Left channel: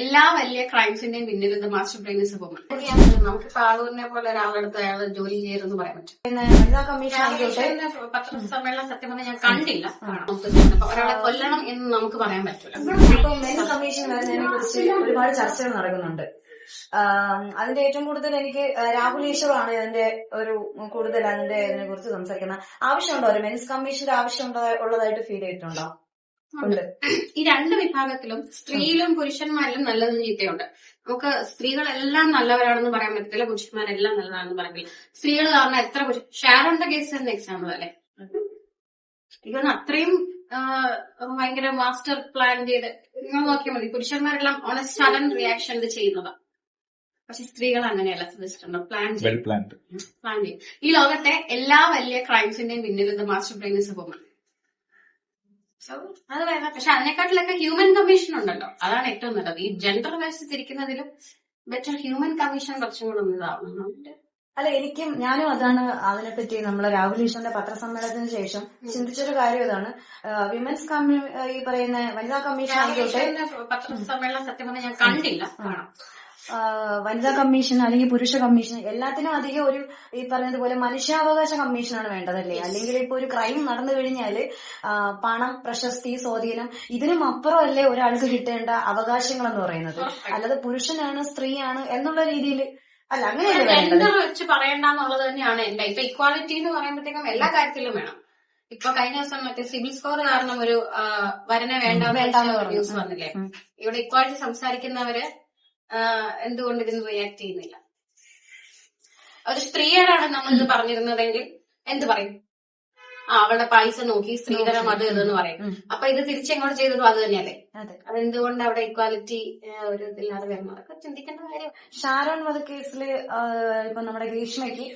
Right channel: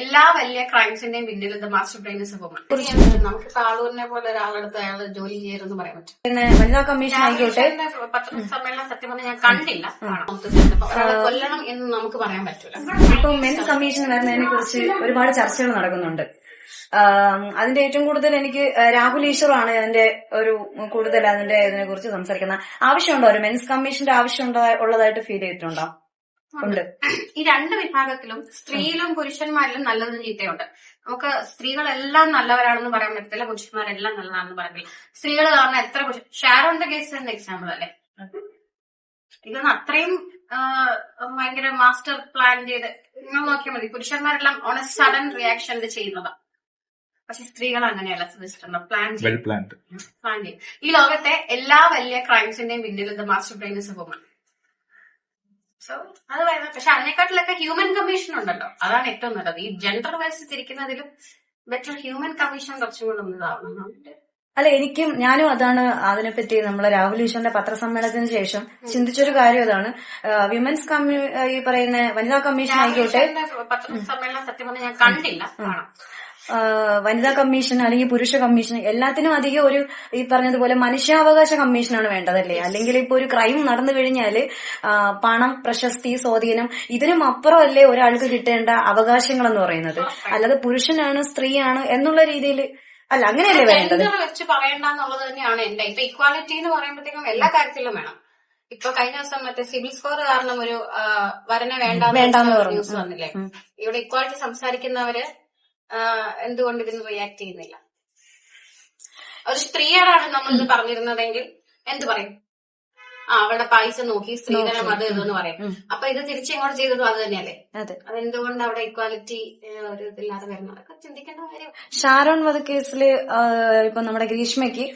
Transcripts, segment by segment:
എല്ലാ വലിയ ക്രൈംസിന്റെയും പിന്നിൽ master brain is A woman. നമുക്കിപ്പോ ആളൂരിനെ പോലെ ഒരാളെടുത്ത് അയാൾ ജോലി ചെയ്യരുതെന്ന് പറയാൻ പറ്റും. പത്രസമ്മേളനം സത്യം പറഞ്ഞാൽ ഞാൻ കണ്ടില്ല. ഒരാളെ കൊല്ലണം എന്ന് നമുക്ക് പറയാൻ പറ്റൂല. ഇപ്പൊ മെൻസ് കമ്മീഷൻ വരുന്നതിനെ കുറിച്ച് ഒരുപാട് ചർച്ചകൾ നടക്കുന്നുണ്ട്. അതിന്റെ ഏറ്റവും കൂടുതൽ എനിക്ക് രാഹുൽ ഈശ്വറാണ് അതിന്റെ ഒരു കൂടുതൽ ഇതിനെ കുറിച്ച് സംസാരിക്കുന്നത്. ആവശ്യമുണ്ടോ ഒരു മെൻസ് കമ്മീഷന്റെ ആവശ്യം ഉള്ളതായിട്ട് ഫീൽ ചെയ്തിട്ടുണ്ടോ? ഈ രണ്ട് വിഭാഗത്തിലും സ്ത്രീയിലും പുരുഷന്മാരിലും നല്ലതും ചീത്തയുണ്ട്. നമുക്ക് സ്ത്രീകളെല്ലാം നല്ലവരാണെന്ന് പറയാൻ പറ്റത്തില്ല, പുരുഷന്മാരെല്ലാം നല്ലതാണെന്ന് പറയില്ല. സ്ത്രീകൾ കാരണം എത്ര ഷാരോണിന്റെ കേസ് തന്നെ എക്സാമ്പിൾ അല്ലേ. സ്ത്രീകൾ അത്രയും ഭയങ്കര മാസ്റ്റർ പ്ലാൻ ചെയ്ത് നിങ്ങൾ നോക്കിയാൽ മതി. പുരുഷന്മാരെല്ലാം ഓൺ എ സഡൻ റിയാക്ഷൻ ഇത് ചെയ്യുന്നതാണ്. പക്ഷെ സ്ത്രീകൾ അങ്ങനെയല്ല ശ്രദ്ധിച്ചിട്ടുണ്ട്. പ്ലാൻ ചെയ്യും. ഈ ലോകത്തെ എല്ലാ വലിയ ക്രൈംസിന്റെയും പിന്നിൽ master brain is A woman. So അത് വേണം. പക്ഷെ അതിനെക്കാട്ടിലൊക്കെ ഹ്യൂമൻ കമ്മീഷൻ ഉണ്ടല്ലോ, അതാണ് ഏറ്റവും നല്ലത്. ഈ ജെൻഡർ വൈസ് തിരിക്കുന്നതിലും ബെറ്റർ ഹ്യൂമൻ കമ്മീഷൻ കുറച്ചും കൂടെ ഒന്നിതാവണം. അല്ല, ഞാനും അതാണ് അതിനെപ്പറ്റി നമ്മളെ രാഹുൽ ഈശ്വറിന്റെ പത്രസമ്മേളനത്തിന് ശേഷം ചിന്തിച്ചൊരു കാര്യം അതാണ്. വിമൻസ് ഈ പറയുന്ന വനിതാ കമ്മീഷൻ ആയിക്കോട്ടെ, പത്രസമ്മേളനം സത്യം പറഞ്ഞാൽ ഞാൻ കണ്ടില്ല. വനിതാ കമ്മീഷൻ അല്ലെങ്കിൽ പുരുഷ കമ്മീഷൻ എല്ലാത്തിനും അധികം ഒരു ഈ പറഞ്ഞതുപോലെ മനുഷ്യാവകാശ കമ്മീഷനാണ് വേണ്ടതല്ലേ. അല്ലെങ്കിൽ ഇപ്പൊ ഒരു ക്രൈം നടന്നു കഴിഞ്ഞാല് പണം, പ്രശസ്തി, സ്വാധീനം ഇതിനും അപ്പുറമല്ലേ ഒരാൾക്ക് കിട്ടേണ്ട അവകാശങ്ങൾ എന്ന് പറയുന്നത്. അല്ലാതെ പുരുഷനാണ് സ്ത്രീയാണ് എന്നുള്ള രീതിയിൽ അല്ല, അങ്ങനെയല്ലേ ജെൻഡർ വെച്ച് പറയണ്ടെന്നുള്ളത് തന്നെയാണ് എന്റെ. ഇപ്പൊ ഇക്വാലിറ്റി എന്ന് പറയുമ്പോഴത്തേക്കും എല്ലാ കാര്യത്തിലും വേണം. ഇപ്പൊ കഴിഞ്ഞ ദിവസം മറ്റേ സിവിൽ സ്കോർ കാരണം ഒരു വരനെ വേണ്ടാന്ന് ന്യൂസ് വന്നില്ലേ. ഇവിടെ ഇക്വാലിറ്റി സംസാരിക്കുന്നവര് എന്തുകൊണ്ട് ഇതിന് റിയാക്ട് ചെയ്യുന്നില്ല? ഒരു സ്ത്രീയോടാണ് നമ്മളിത് പറഞ്ഞിരുന്നതെങ്കിൽ എന്ത് പറയും? അവളുടെ പൈസ നോക്കി സ്ത്രീധനം അത് ഇതെന്ന് പറയും. അപ്പൊ ഇത് തിരിച്ചെങ്ങോട്ട് ചെയ്തതും അത് തന്നെയല്ലേ. അതെന്തുകൊണ്ട് അവിടെ ഇക്വാലിറ്റി ഒരു ഇതില്ലാതെ വരുന്നു? അതൊക്കെ ചിന്തിക്കേണ്ട കാര്യം. ഷാരോൺ വധക്കേസില് ഇപ്പൊ നമ്മുടെ ഗ്രീഷ്മയ്ക്ക്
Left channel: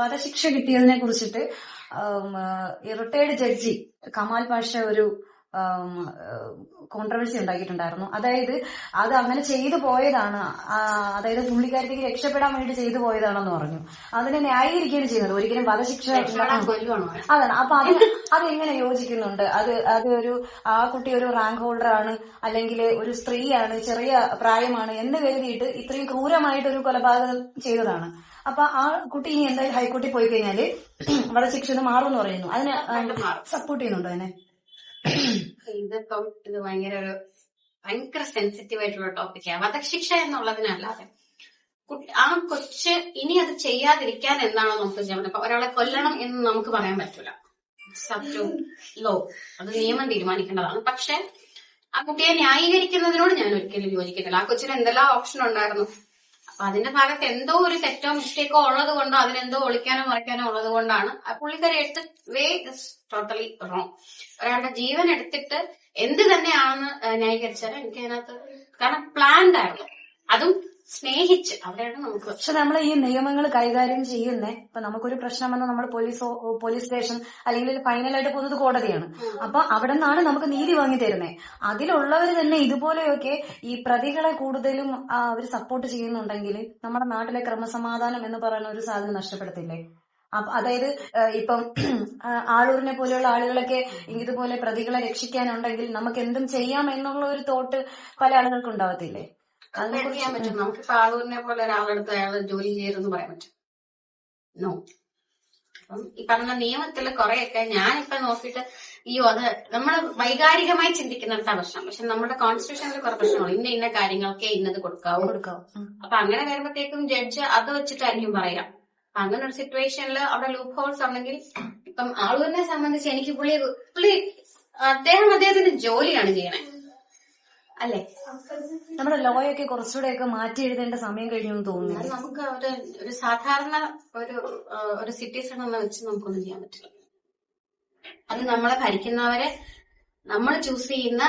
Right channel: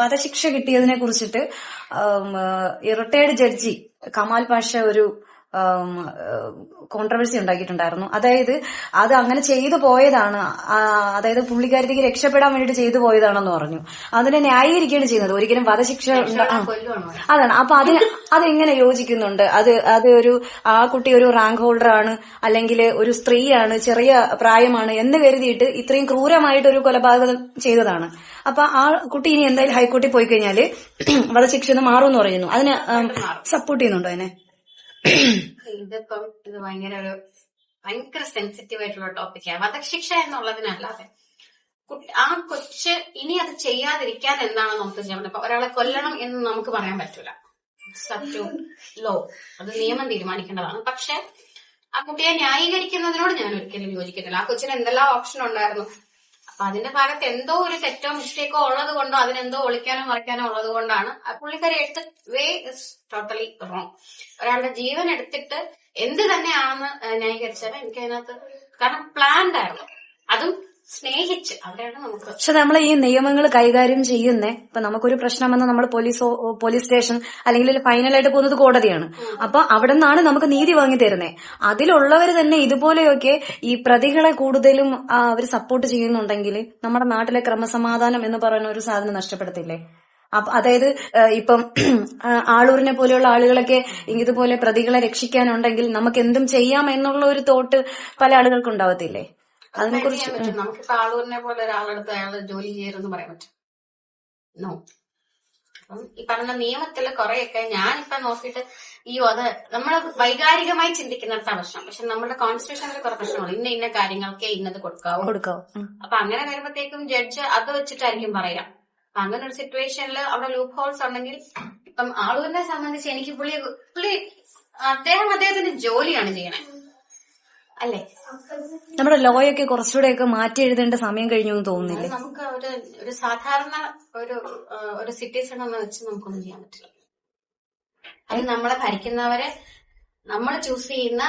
വധശിക്ഷ കിട്ടിയതിനെ കുറിച്ചിട്ട് റിട്ടയർഡ് ജഡ്ജി കമാൽ പാഷ ഒരു കോൺട്രവേഴ്സി ഉണ്ടാക്കിയിട്ടുണ്ടായിരുന്നു. അതായത് അത് അങ്ങനെ ചെയ്തു പോയതാണ്, അതായത് പുള്ളിക്കാരിക്ക് രക്ഷപ്പെടാൻ വേണ്ടിട്ട് ചെയ്തു പോയതാണെന്ന് പറഞ്ഞു. അതിനെ ന്യായീകരിക്കുകയാണ് ചെയ്യുന്നത്. ഒരിക്കലും വധശിക്ഷ അതാണ്. അപ്പൊ അതെങ്ങനെ യോജിക്കുന്നുണ്ട്? അത് ആ കുട്ടി ഒരു റാങ്ക് ഹോൾഡർ ആണ്, അല്ലെങ്കിൽ ഒരു സ്ത്രീയാണ്, ചെറിയ പ്രായമാണ് എന്ന് കരുതിയിട്ട് ഇത്രയും ക്രൂരമായിട്ട് ഒരു കൊലപാതകം ചെയ്തതാണ്. അപ്പൊ ആ കുട്ടി ഇനി എന്തായാലും ഹൈക്കോടതി പോയി കഴിഞ്ഞാല് വധശിക്ഷ മാറുമെന്ന് പറയുന്നു. അതിന് സപ്പോർട്ട് ചെയ്യുന്നുണ്ടോ അതിനെ? ഇതിപ്പം ഇത് ഭയങ്കര സെൻസിറ്റീവ് ആയിട്ടുള്ള ടോപ്പിക്കാണ്. വധശിക്ഷ എന്നുള്ളതിനല്ലാതെ ആ കൊച്ച് ഇനി അത് ചെയ്യാതിരിക്കാൻ എന്നാണ് നമുക്ക് ചെയ്യാൻ പറ്റും. ഒരാളെ കൊല്ലണം എന്ന് നമുക്ക് പറയാൻ പറ്റൂല. സബ് ടു ലോ, അത് നിയമം തീരുമാനിക്കേണ്ടതാണ്. പക്ഷെ ആ കുട്ടിയെ ന്യായീകരിക്കുന്നതിനോട് ഞാൻ ഒരിക്കലും യോജിക്കുന്നില്ല. ആ കൊച്ചിന് എന്തെല്ലാം ഓപ്ഷൻ ഉണ്ടായിരുന്നു. അപ്പൊ അതിന്റെ ഭാഗത്ത് എന്തോ ഒരു തെറ്റോ മിസ്റ്റേക്കോ ഉള്ളത് കൊണ്ടോ അതിനെന്തോ ഒളിക്കാനോ മറയ്ക്കാനോ ഉള്ളത് കൊണ്ടാണ് ആ പുള്ളിക്കാരി എടുത്ത വേ ഇസ് ടോട്ടലി റോങ്. ഒരാളുടെ ജീവൻ എടുത്തിട്ട് എന്ത് തന്നെയാണെന്ന് ന്യായീകരിച്ചാൽ എനിക്ക് അതിനകത്ത്, കാരണം പ്ലാൻഡ് ആയിരുന്നു, അതും സ്നേഹിച്ച്. അവിടെയാണ് നമുക്ക്. പക്ഷെ നമ്മൾ ഈ നിയമങ്ങൾ കൈകാര്യം ചെയ്യുന്നേ, ഇപ്പൊ നമുക്കൊരു പ്രശ്നം വന്നാൽ നമ്മൾ പോലീസ് സ്റ്റേഷൻ അല്ലെങ്കിൽ ഫൈനലായിട്ട് പോകുന്നത് കോടതിയാണ്. അപ്പൊ അവിടെ നിന്നാണ് നമുക്ക് നീതി വാങ്ങി തരുന്നേ. അതിലുള്ളവർ തന്നെ ഇതുപോലെയൊക്കെ ഈ പ്രതികളെ കൂടുതലും അവർ സപ്പോർട്ട് ചെയ്യുന്നുണ്ടെങ്കിൽ നമ്മുടെ നാട്ടിലെ ക്രമസമാധാനം എന്ന് പറയുന്ന ഒരു സാധനം നഷ്ടപ്പെടത്തില്ലേ? അതായത് ഇപ്പം ആളൂരിനെ പോലെയുള്ള ആളുകളൊക്കെ ഇതുപോലെ പ്രതികളെ രക്ഷിക്കാനുണ്ടെങ്കിൽ നമുക്ക് എന്തും ചെയ്യാം എന്നുള്ള ഒരു തോട്ട് പല ആളുകൾക്കും ഉണ്ടാവത്തില്ലേ? ചെയ്യാൻ പറ്റും. നമുക്കിപ്പോ ആളൂരിനെ പോലെ ഒരാളെടുത്ത് അയാൾ ജോലി ചെയ്യരുതെന്ന് പറയാൻ പറ്റും? നോ. അപ്പം ഈ പറഞ്ഞ നിയമത്തില് കുറെയൊക്കെ ഞാനിപ്പൊ നോക്കിയിട്ട് അത് നമ്മൾ വൈകാരികമായി ചിന്തിക്കുന്നിടത്താ പ്രശ്നം. പക്ഷെ നമ്മുടെ കോൺസ്റ്റിറ്റ്യൂഷനിൽ കുറെ പ്രശ്നമാണ്. ഇന്ന കാര്യങ്ങൾക്ക് ഇന്നത് കൊടുക്കാവും. അപ്പൊ അങ്ങനെ വരുമ്പോഴത്തേക്കും ജഡ്ജ് അത് വെച്ചിട്ടായിരിക്കും പറയാം. അങ്ങനെ ഒരു സിറ്റുവേഷനിൽ അവിടെ ലൂപ്പ് ഹോൾസ് ഉണ്ടെങ്കിൽ, ഇപ്പം ആളൂരിനെ സംബന്ധിച്ച് എനിക്ക് അദ്ദേഹത്തിന്റെ ജോലിയാണ് ചെയ്യണേ അല്ലേ. നമ്മുടെ ലോയൊക്കെ കുറച്ചുകൂടെയൊക്കെ മാറ്റി എഴുതേണ്ട സമയം കഴിഞ്ഞു എന്ന് തോന്നുന്നില്ല. നമുക്ക് ഒരു സാധാരണ ഒരു സിറ്റിസൺ എന്ന് വെച്ച് നമുക്കൊന്നും ചെയ്യാൻ പറ്റില്ല. അത് നമ്മളെ ഭരിക്കുന്നവരെ നമ്മൾ ചൂസ് ചെയ്യുന്ന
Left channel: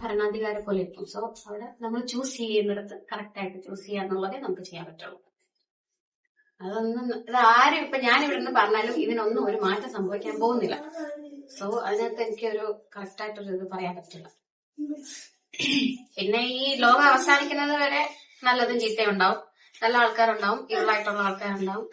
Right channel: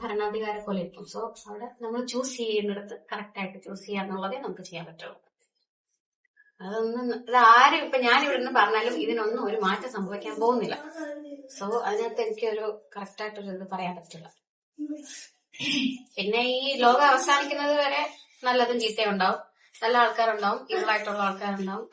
ഭരണാധികാരെ പോലെ ഇരിക്കും. സോ അവിടെ നമ്മൾ ചൂസ് ചെയ്യുന്നിടത്ത് കറക്റ്റ് ആയിട്ട് ചൂസ് ചെയ്യാന്നുള്ളതേ നമുക്ക് ചെയ്യാൻ പറ്റുള്ളൂ. ഇത് ആരും ഇപ്പൊ ഞാൻ ഇവിടെ നിന്ന് പറഞ്ഞാലും ഇതിനൊന്നും ഒരു മാറ്റം സംഭവിക്കാൻ പോകുന്നില്ല. സോ അതിനകത്ത് എനിക്കൊരു കറക്റ്റ് ആയിട്ടൊരു ഇത് പറയാൻ പറ്റില്ല. പിന്നെ ഈ ലോകം അവസാനിക്കുന്നത് വരെ നല്ലതും ചീത്തയും ഉണ്ടാവും, നല്ല ആൾക്കാരുണ്ടാവും, ഇവളായിട്ടുള്ള ആൾക്കാരുണ്ടാവും.